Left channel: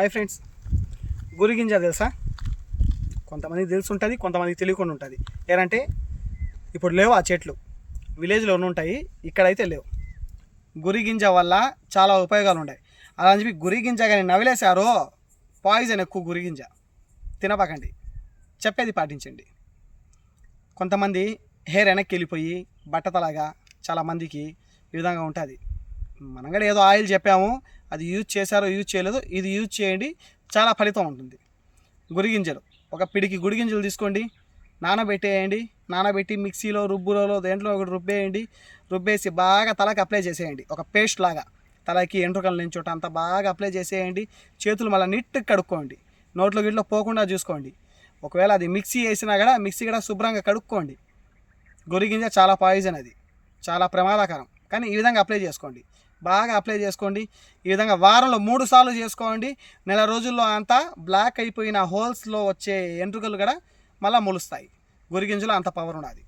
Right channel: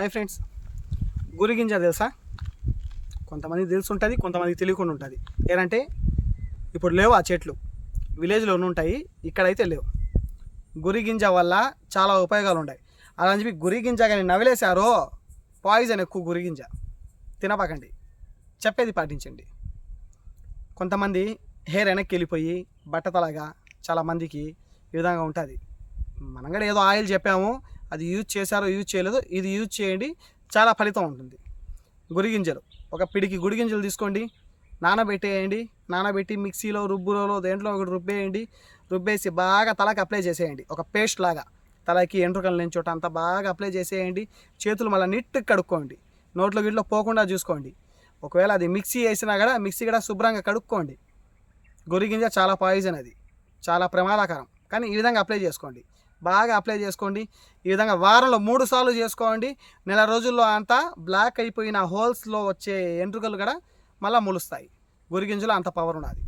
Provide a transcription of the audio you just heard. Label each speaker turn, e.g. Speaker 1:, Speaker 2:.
Speaker 1: Hi friends గురిగింజ తెలుసా? కొంతమంది తెలిసి ఉంటుంది కొంతమందికి తెలియకుండా ఉంటుంది ఏంటంటే ఇప్పుడు లేవు ఆ చెట్లు. విలేజ్లో ఉంటాయి ఇక్కడైతే లేవు. గురిగింజ వల్ల చాలా ఉపయోగాలు ఉన్నాయి అలా అని చెప్పి గురిగింజ కానీ నవిలేశారో పాయిజన్ ఎక్కువ గురిగింజ తినపకండి. చెప్పేది పాటించండి. కొంతమంది హెయిర్ వెనక్కి వెళ్ళిపోయి బట్టతలాగా చాలామందికి ఈ విధంగా ఉంటుంది. మనం కూడా ఏదో ఆయిల్ చెప్పాము అది యూజ్ చేశారో యూజ్ చేయలేదో ఇది యూజ్ చేయండి. చాలా ఫలితం ఉంటుంది. గురిగింజలు. ఒక పిడికి గురిగింజలు తీసుకోండి. నానబెట్టేయండి. నానబెట్టి మిక్సీలో రుబ్బులలో దేంట్లో ఒకటి రుబ్బేయండి. రుబ్బేసి బాగా తలకి అప్లై చేసేయండి. ఒక పేస్ట్ లాగా. తలకి ఎంట్రుకల నుంచి చోట అంతా బాగా అప్లై చేసేయండి. చేతులు మళ్ళీ నిట్టు కడుక్కోండి. నోట్లో గిట్లో పోకుండా చూసుకోండి. ఒకవేళ అది మిక్సీ వేసినా కూడా మిక్సీ కూడా శుభ్రంగా కడుక్కోండి. గొరిగింజ చాలా పాయిజన్ అది. చాలా ప్రమాదకరం. కానీ ఈ విధంగా అప్లై చేసుకోండి. బాగా అప్లై చేసుకోండి. ఈ విధంగా వారంలో మూడు సార్లు చేసుకోండి. నెల రోజుల్లో అంతా బ్లాక్ అయిపోయిన హోల్స్లో వచ్చే ఎంట్రుకలు కూడా మళ్ళీ మొలుస్తాయి. గురిగింజలో అంత పవర్ ఉన్నది